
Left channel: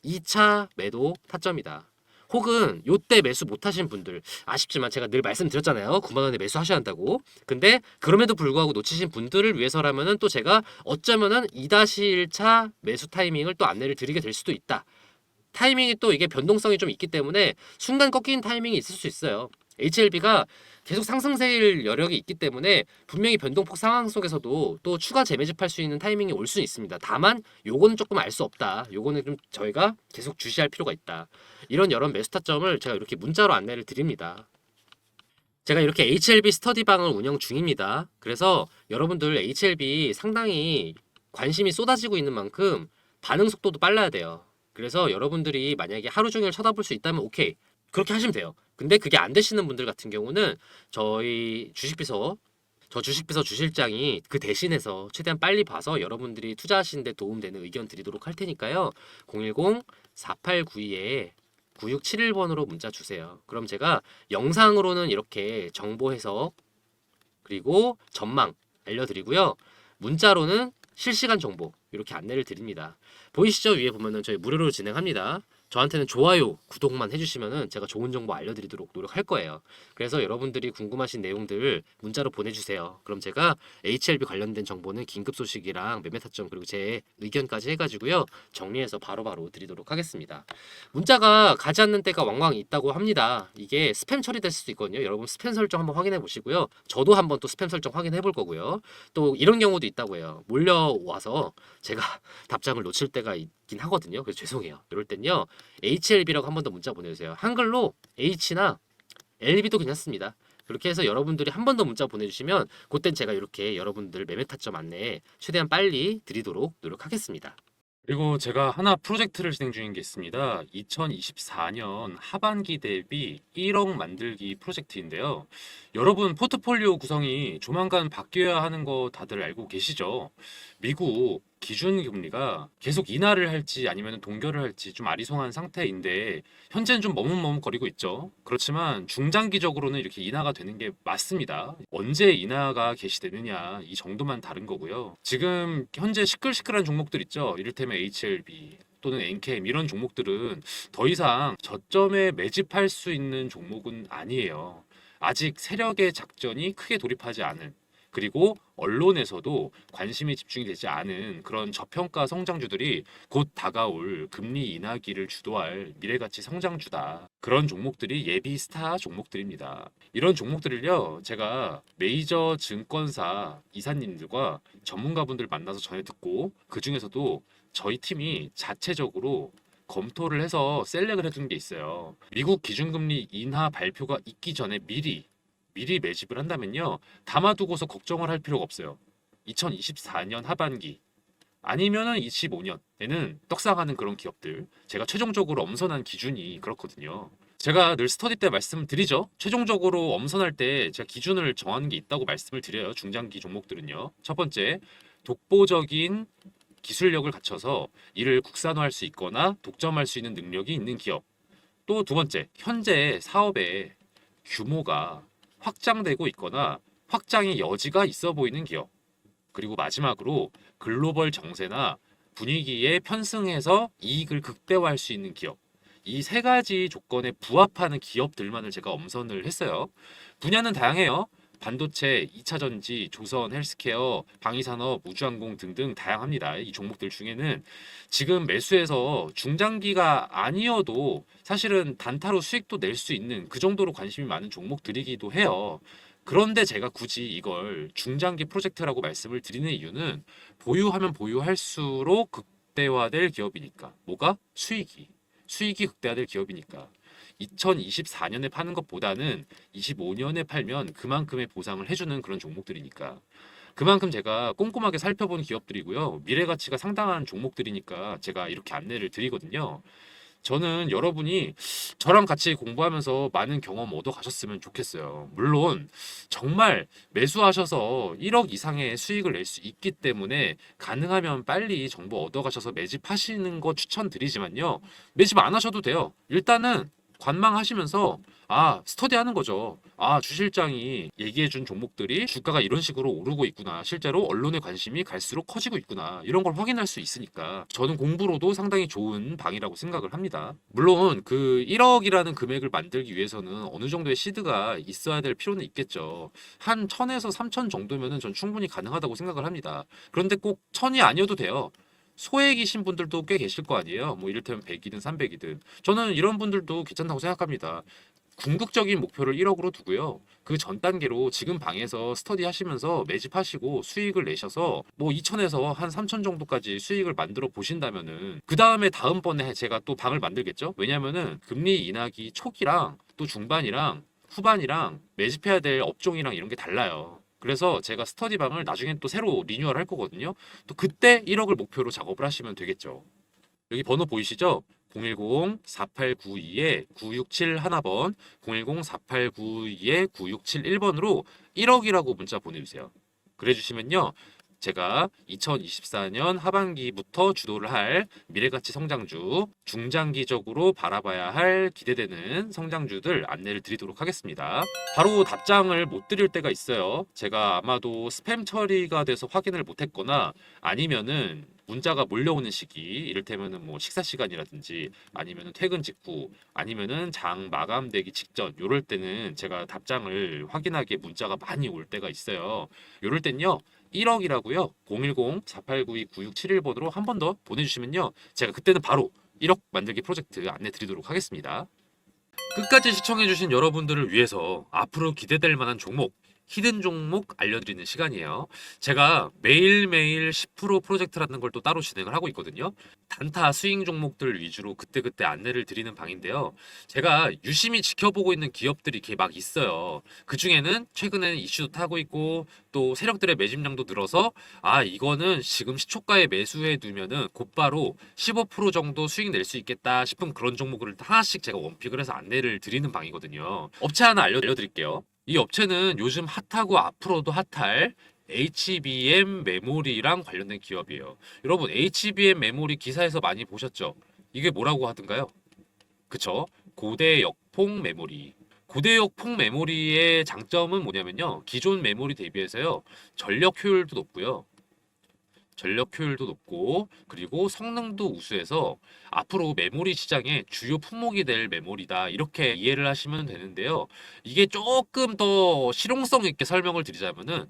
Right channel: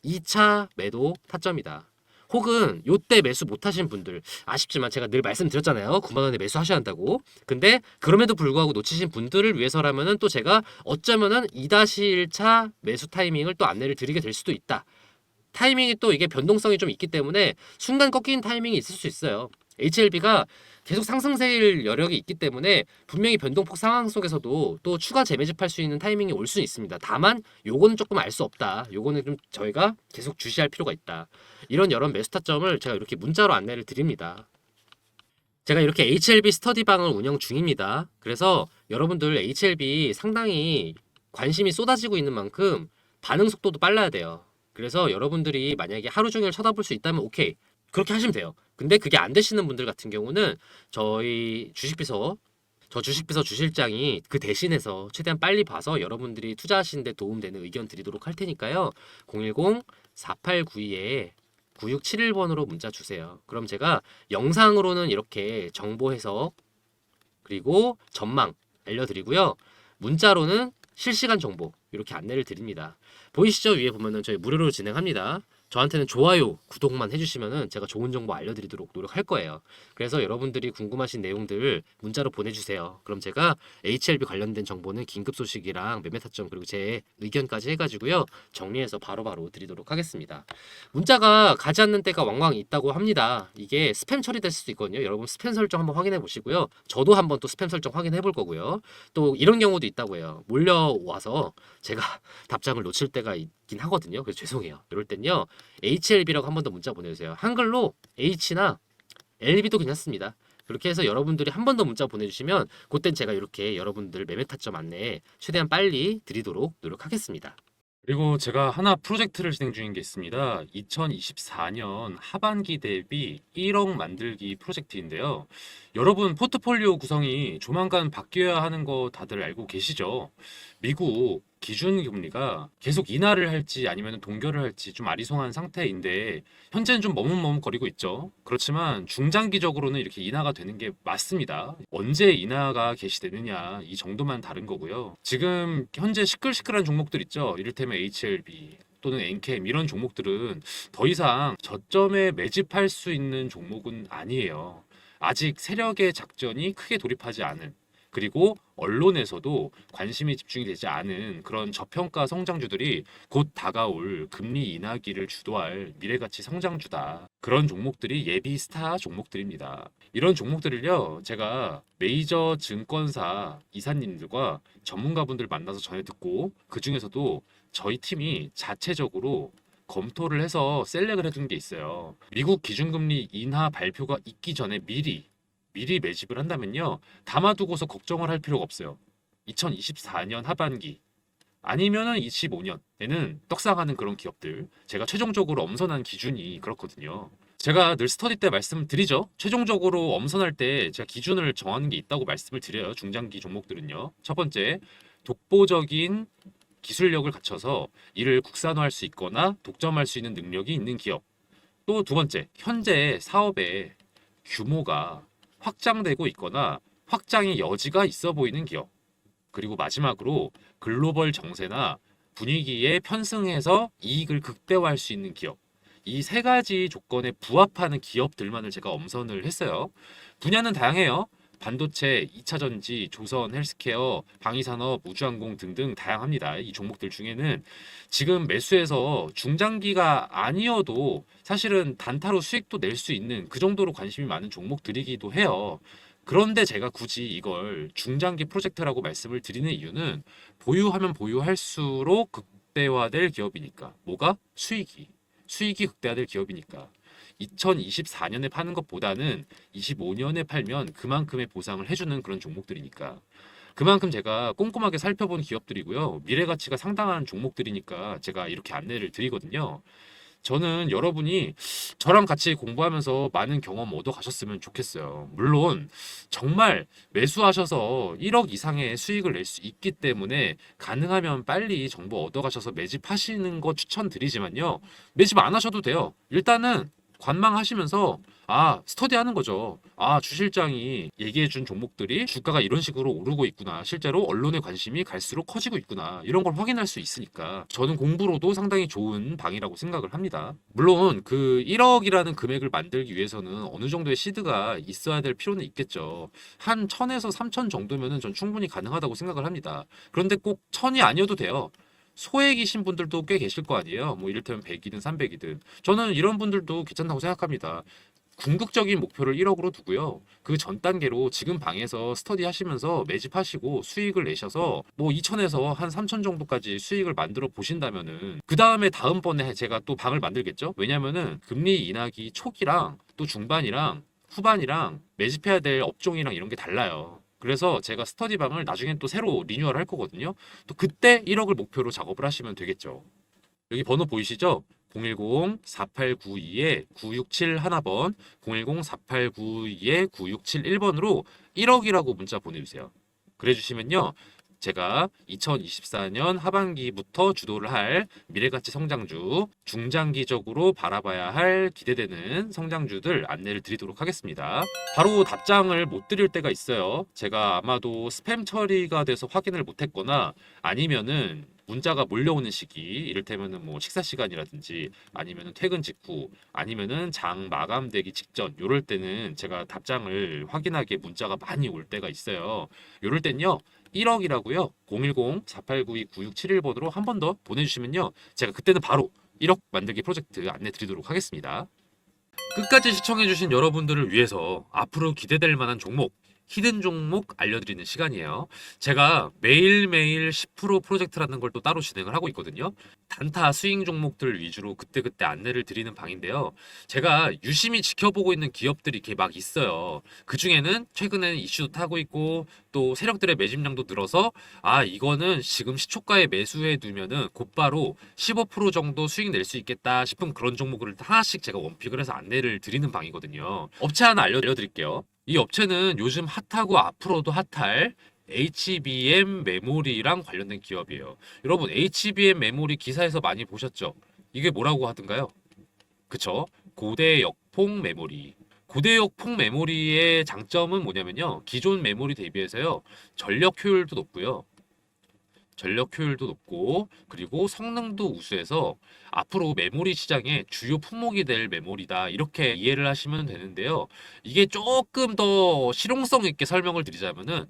2차 매도 타점이다. 혹은 요때 매수 못하신 분들 아쉽지만 제가 늘 말씀드렸잖아요. 9만 원에 매수하셔야 한다고. 근데 그럼에도 불구하고 놓치신 분들을 위해서라면은 또 제가 어쩌면은 2-1차 매수 타이밍을 또 안내를 드리게 될 수도 있다. 타이밍이 또 이게 변동성이 좀 있기 때문에 순간 꺾이는 타이밍이 있을 수 있어요. HLB가 계속 상승세일 여력이 있기 때문에 분명히 변동폭 상황 속에서도 또 추가 재매집할 수 있는 타이밍이 올 수 있습니다. 다만 요거는 조금 알 수 없다. 요거는 좀 저희가 계속 주시할 필요가 있다. 이런 여러 매수 타점을 제가 이렇게 문자로 안내를 드립니다. 제가 이렇게 HLB 스터디방을 운영 중입니다. 그래서 여러분들 HLB 상당히 관심이 쏟아지고 있는 만큼 반응 속도도 빨라야 돼요. 그래서 여러분들이 만약에 하루 종일 쳐다볼 수 있다면 오케이. 그렇게 하시면 돼요. 근데 그게 안 되시는 분들 같은 경우는 저희 주식비서 주식비서 주실장이 그 대신해서 최대한 빨리 봐서 여러분들이 투자하시는 데 도움되는 의견 드리도록 할 테니까요. 010-4892에 9671번으로 문자 주세요. 그럼 제가 영상으로는 이렇게 정보 해석 그리고 전망 알려드리고요. 문자로는 실시간 정보 이렇게 안내를 드립니다. 보이시죠? 위에 보면은 저희 무료로 진행합니다. 저한테는 좋아요, 구독만 해주시면은 제가 좋은 정보 알려드리도록 노력할 거예요. 그래서 여러분들이 궁금하신 내용들 문자로 보내주세요. 그럼 제가 HLB 관련된 정보는 긴급 소식이랑 매매 타점 그리고 제 의견까지 해가지고요 정리해서 바로바로 드리도록 하겠습니다. 문자가 가지 않는 때가 왕왕 있다고 합니다. 이게 스팸 처리될 수도 있거든요. 여러분 스팸 설정 한번 확인해 보시고요. 저도 한번 또 스팸 설정 확인해 볼 거고요. 또 이런 경우도 있다고 해요. 몰려와서 제가 답장을 놓칠 때가 있긴 하거든요. 그래서 죄송해요. 이럴 땐요 HLB라고 한 번 더 문자 보내주세요. 한글로 H나 LB도 괜찮습니다. 그렇게 해서 여러분들이 한 번 더 문자 보내주시면 그땐 제가 이렇게 여러분들 매매 타점 안내 최대한 빨리 드리도록 노력하겠습니다. 그리고 제가 하나 프로젝트를 진행 중인 게 있습니다. 2024년 하반기 대비 1억 만들기 프로젝트인데요. 여러분 포트폴리오 구성이 조만간 바뀌어야 하는 거 다들 알고 계시죠? 미국 기준금리가 계속 인하를 할지 아니면 동결을 할지 좀 아리송한 상태인데 현재는 좀 머뭇머뭇거리고 있죠. 그렇지만 중장기적으로는 이렇게 인하가 되는 게 맞습니다. 언제 인하가 개시되느냐 이 정도만 다른 거고요. 지금 현재 시끌시끌한 종목들 있죠. 이를테면 HLB 또는 엔캠 이런 종목들은 더 이상 저점에 매집할 수 있는 종목은 아니에요. 아직 세력의 작전이 크게 돌입하지 않은 그리고 언론에서도 관심이 집중이 되지 않은 그런 저평가 성장주들이 곧 다가올 금리 인하기를 주도할 미래가치 성장주다. 그런 종목들이 예비 스타 종목들입니다. 이런 종목들을요, 제가 메이저 증권사 이사님들과 전문가분들 만나서 전해 듣고 그 중에서도 저희 팀이 자체적으로 검토를 해서 셀렉을 해둔 게 있어요. 미국 기준금리 인하 발표가 있기 전에 미리 매집을 한다면요. 담아두고서 걱정을 할 필요가 없어요. 2024년 하반기 아니면은 25년에는 떡상하는 그런 기업들 제가 최종적으로 엄선한 기준이 그렇거든요. 제가 늘 스터디 때 말씀을 드리죠. 최종적으로 엄선할 때 제가 기준을 정하는 게 있다고 말씀을 드려요. 중장기 종목들은요. 첫 번째, 독보적인 기술력을 갖춰서 이를 국산화할 수 있거나 독점할 수 있는 능력이 있는 기업. 또 두 번째, 현재 사업의 규모가 확장되고 있거나 확장의 여지가 있어 보이는 기업. 그리고 마지막으로 글로벌 정세나 분위기에 편승해서 이익을 극대화할 수 있는 기업. 이 세 가지 조건에 부합하는 기업들만을 제가 엄선을 했어요. 분야는 다양해요. 반도체, 2차 전지, 조선, 헬스케어, 방위산업, 우주항공 등등 다양합니다. 이 종목들 중에는 지금 매수해서 중장기가 아니어도 사실은 단타로 수익도 낼 수 있는 그 정도로 관심이 많은 종목들이기도 해요. 그런데 제가 굳이 이걸 중장기 프로젝트라고 말씀을 드리는 이유는 보유하면 보유할수록 극대화될 기업이니까. 뭐가? 수익이 극대화될 기업이니까. 2024년에 파는 것보다는 25년에 팔면 그만큼의 보상을 해주는 그런 종목들이니까. 그만큼 제가 꼼꼼하게 살펴본 기업들이고요. 미래 가치가 상당한 종목들이니까 제가 이렇게 안내를 드리거든요. 저는 여러분이 저랑 같이 공부하면서 많은 경험 얻어 가셨으면 좋겠어요. 물론 정말 매수하셔서 1억 이상의 수익을 낼 수 있기 때문에 가능하면 빨리 정보 얻어 가셔서 매집하시는 거 추천드리지만요. 매집 안 하셔도 돼요. 일단은 관망하시면서 스터디 하는 거죠. 주실장이 얘기해 준 종목들이 주가가 이런 식으로 오르고 있구나. 실제로 언론의 관심이 갈수록 커지고 있구나. 이런 걸 확인할 수 있으니까 저는 공부로도 상당히 좋은 방이라고 생각을 합니다. 물론 그 1억이라는 금액을 만들기 위해서는 어느 정도의 시드가 있어야 될 필요는 있겠죠. 한 1000에서 3000 정도면은 전 충분히 가능하다고 생각을 합니다. 그런데 꼭 1000이 아니어도 돼요. 소액이신 분들도 꽤 계실 거 아니에요. 뭐 이를테면 100이든 300이든. 저는 이런 분들도 괜찮다고 생각합니다. 궁극적인 목표를 1억으로 두고요. 그 전 단계로 지금 방에서 스터디 하시면서 매집하시고 수익을 내셔서 뭐 2천에서 한 3천 정도까지 수익을 만들어 보신다면은 그 다음에 다음번에 제가 또 방을 만들겠죠? 왜냐면은 금리 인하기 초기랑 또 중반이랑 후반이랑 매집해야 될 업종이랑 이런 게 달라요. 그래서 제가 스터디 방을 나중에 또 새로 리뉴얼 할 거거든요. 또 그때 1억을 목표로 작업을 하시면 되겠죠. 여기 번호 보이시죠? 010-4892-9671번, 010-4892-9671번으로 1억이라고 문자 보내주세요. 그래주시면요. 제가 2024년 하반기부터 주도를 할 미래가치 성장주, 중장기적으로 바라봐야 할 기대되는 성장주들 안내를 드리도록 하겠습니다. 바로 답장을 못 드릴 때가 있어요. 제가 아마도 스팸 처리가 돼서 확인을 못했거나 아니면은 문자가 몰려오는 시기, 이를테면은 뭐 식사 시간이라든지 아니면은 퇴근 직후 아니면은 장 마감되기 직전, 요럴 때는 제가 답장을 확인하기에 문자가 많이 올 때가 있어요. 요럴 땐요 1억이라고요 010-4892-9671번으로 한 번 더 보내주시면요 제가 그때는 바로 1억 만들기 프로젝트 안내 드리도록 하겠습니다. 끝까지 시청해주신 여러분들을 위해서 앞으로 기대될 만한 종목, 히든 종목 알려드리는 시간이에요. 제가 매일매일 10% 프로젝트라는 걸 또 따로 진행을 하고 있거든요. 단타 스윙 종목들 위주로 그때그때 안내를 드리는 방인데요. 제가 유심히 지켜보고 있는 기업들이 이렇게 막 있어요. 그 중에는 최근에 이슈도 타고 있고 또 세력들의 매집량도 늘어서 아 이거는 지금 시초가에 매수해 두면은 곧바로 15% 정도 수익 낼 수 있겠다 싶은 그런 종목을 하나씩 제가 원픽을 해서 안내를 드리는 방이거든요. 업체 하나 알려드릴게요. 이 업체는 요즘 핫하고 앞으로도 핫할 HBM 메모리랑 관련된 기업이에요. 여러분 HBM 메모리 기사에서 많이 보셨죠? 이게 뭐라고 하던가요? 그쵸? 고대역폭 메모리. 고대역폭 메모리의 장점은 뭐냐면요. 기존 메모리 대비해서요. 전력 효율도 높고요. 전력 효율도 높고 그리고 성능도 우수해서 앞으로 메모리 시장의 주요 품목이 될 메모리다 이렇게 이해를 하시면 되는데요. 이게 조금 더 실용성 있게 설명을 드리자면은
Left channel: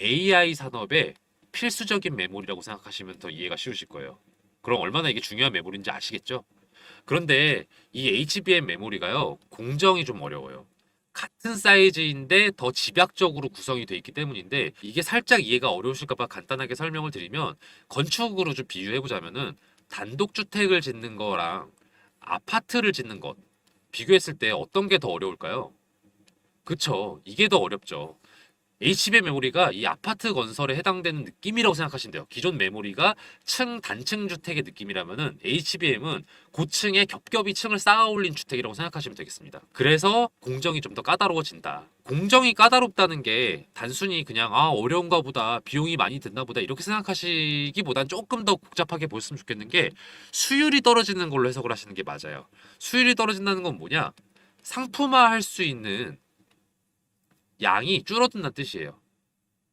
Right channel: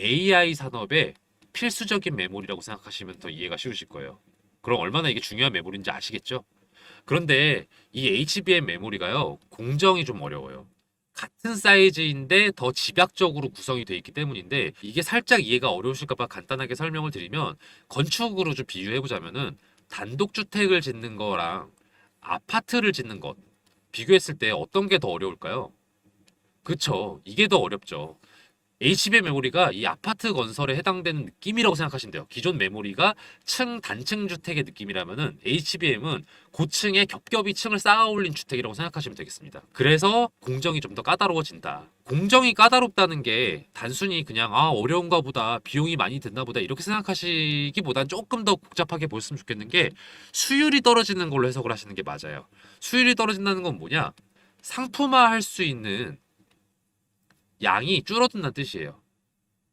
AI 산업의 필수적인 메모리라고 생각하시면 더 이해가 쉬우실 거예요. 그럼 얼마나 이게 중요한 메모리인지 아시겠죠? 그런데 이 HBM 메모리가요, 공정이 좀 어려워요. 같은 사이즈인데 더 집약적으로 구성이 되어 있기 때문인데 이게 살짝 이해가 어려우실까 봐 간단하게 설명을 드리면 건축으로 좀 비유해 보자면은 단독주택을 짓는 거랑 아파트를 짓는 것 비교했을 때 어떤 게 더 어려울까요? 그쵸. 이게 더 어렵죠. HBM 메모리가 이 아파트 건설에 해당되는 느낌이라고 생각하시면 돼요. 기존 메모리가 단층 주택의 느낌이라면은 HBM은 고층에 겹겹이 층을 쌓아 올린 주택이라고 생각하시면 되겠습니다. 그래서 공정이 좀 더 까다로워진다. 공정이 까다롭다는 게 단순히 그냥 아 어려운가 보다 비용이 많이 든다 보다 이렇게 생각하시기보단 조금 더 복잡하게 보셨으면 좋겠는 게 수율이 떨어지는 걸로 해석을 하시는 게 맞아요. 수율이 떨어진다는 건 뭐냐? 상품화할 수 있는 양이 줄어든다는 뜻이에요.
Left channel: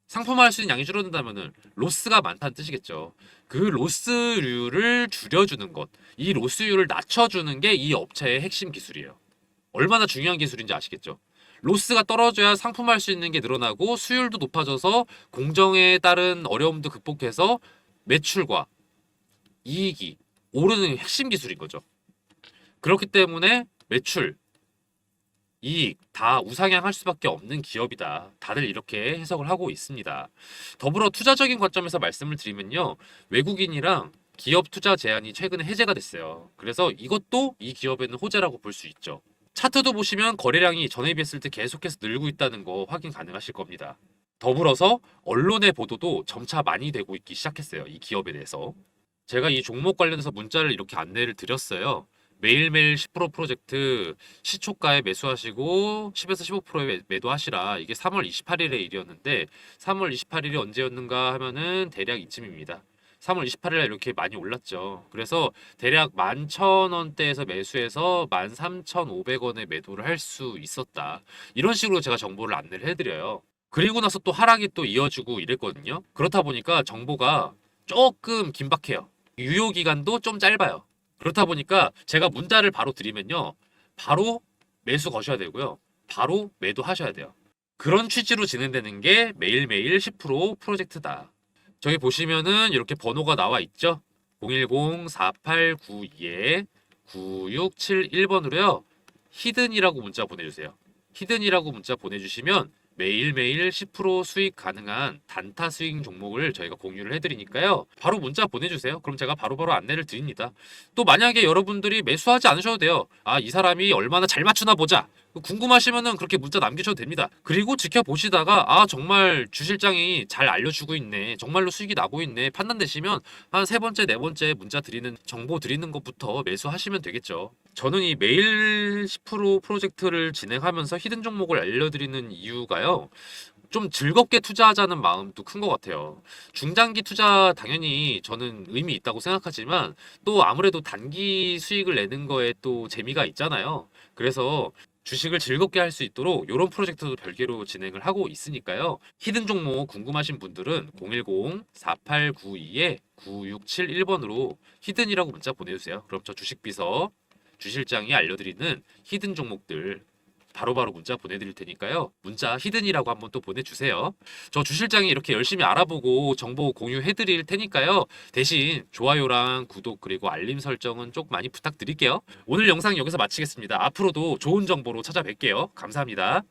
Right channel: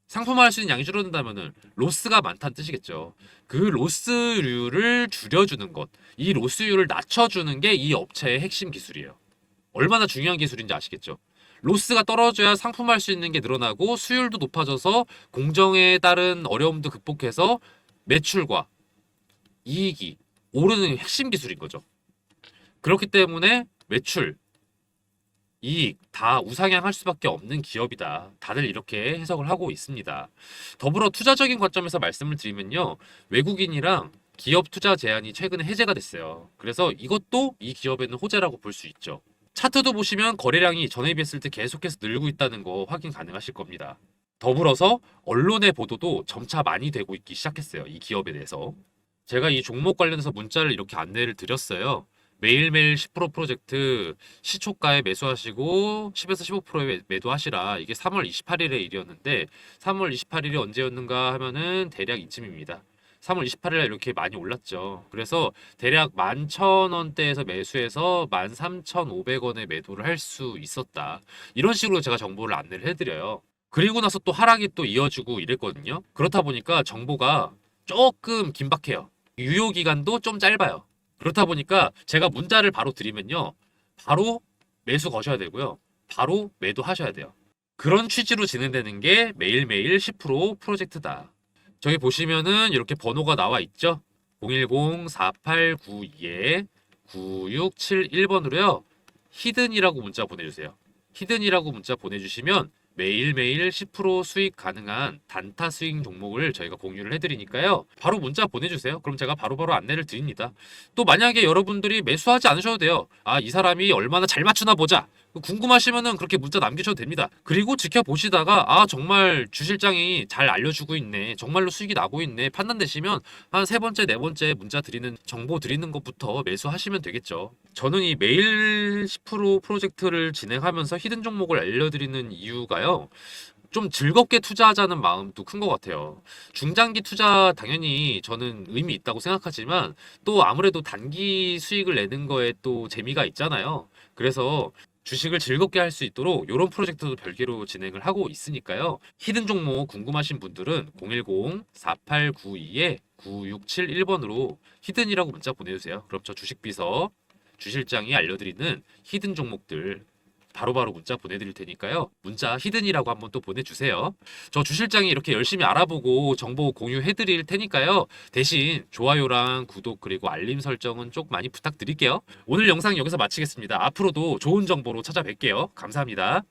상품화할 수 있는 양이 줄어든다면은 로스가 많다는 뜻이겠죠. 그 로스율을 줄여주는 것, 이 로스율을 낮춰주는 게 이 업체의 핵심 기술이에요. 얼마나 중요한 기술인지 아시겠죠? 로스가 떨어져야 상품화할 수 있는 게 늘어나고 수율도 높아져서 공정에 따른 어려움도 극복해서 매출과 이익이 오르는 핵심 기술인 거죠. 그렇기 때문에 매출, 이익 다 우상향할 수밖에 없는 기업이다. 다들 이렇게 해석을 하고 있습니다. 더불어 투자적인 관점에서 말씀을 드리면요. 외국인이랑 기업 투자 제한이 최근에 해제가 됐어요. 그래서 이것도 이 기업에는 호재라고 볼 수 있죠. 차트도 보시면 거래량이 전에 비했을 때 계속해서 늘고 있다는 거 확인 가능하실 겁니다. 더불어서 언론의 보도도 점차 많이 되고 있기 시작했어요. 이 기업에 대해서. 제가 이 종목 관련해서 문자를 이렇게 안내를 드렸어요. 매일매일 10% 프로젝트 시초가에 매수하시고 10에서 15%에 매도하시라. 이게 3월 28일의 일이었는데 3월 28일이 언제였는가 하면은 대략 이쯤입니다. 3월 28일에 이렇게 많이 올랐죠. 그래서 대략 11,000원대에서 매수해서 13,500원에 매도를 할 수 있었다. 이런 식으로 제가 정보를 안내를 해드려요. 그리고 나서 또 하락이 또 이어지고 이랬거든요. 그렇다 보니까 정보가 조금 긴박해요. 유효 기간도 좀 짧아요. 그렇다 보니까 제가 문자를 바로 드리면요. 바로 매수 거셔야 되고요. 바로 매도하셔야 돼요. 그런 취지로 진행되는 게 매일매일 10% 프로젝트다. 저기 보시면은 이렇게 번호가 나와 있죠? 010-4892-9671번으로요. 히든이라고 문자 보내주세요. 히든이라고 문자 보내주시면 매일매일 10% 수익 가능한 단타 스윙 종목을 저희가 공유를 해드리니까요. 바로 문자 보내주세요. 그럼 제가 바로바로 안내를 드립니다. 또 만약에 여러분들이 매수하지 않으셔도 돼요. 아, 이 사람이 얼마나 잘 맞추나 보자. 궁금하시면은 그렇게 문자 남기셔도 됩니다. 그리고 지켜보시다가 아, 정말 주 실장이 잘 알려주고 있네. 정말로 수익이 나고 있네. 판단되시면 한 세 번째, 네 번째 문자 드리는 정보 드리는 것부터 매수하시면 되겠죠. 저는 이 매일 10% 프로젝트를 진행하면서 히든 종목을 알려드리는 이유가요. 좀 즐겁게 투자하자는 마음도 큰 것 같아요. 중장기 투자 당연히 저는 의미 있다고 생각하지만 또 아무래도 단기 수익을 내는 거에 또 재미가 있잖아요. 그래서 주식을 즐겁게 할 수 있도록 이런 프로젝트도 별개로 진행을 하고 있으니까요. 히든 종목 궁금하신 분들은 010-4892-9671번으로 히든이라고 문자 보내주세요. 그럼 저 주식비서 주실장이 알려드리는 히든 종목들 바로바로 문자 보내드릴 테니까요. 문자 히든이라고 한번 또 보내주세요. 저 주실장이 이렇게 열심히 알아보고 정보 공유해드릴 테니까요. 대신 좋아요랑 구독 그리고 알림 설정은 좀 많이 부탁드릴게요. 오늘 영상 여기서 마치겠습니다. 앞으로도 좋은 정보로 찾아뵐게요. 감사합니다.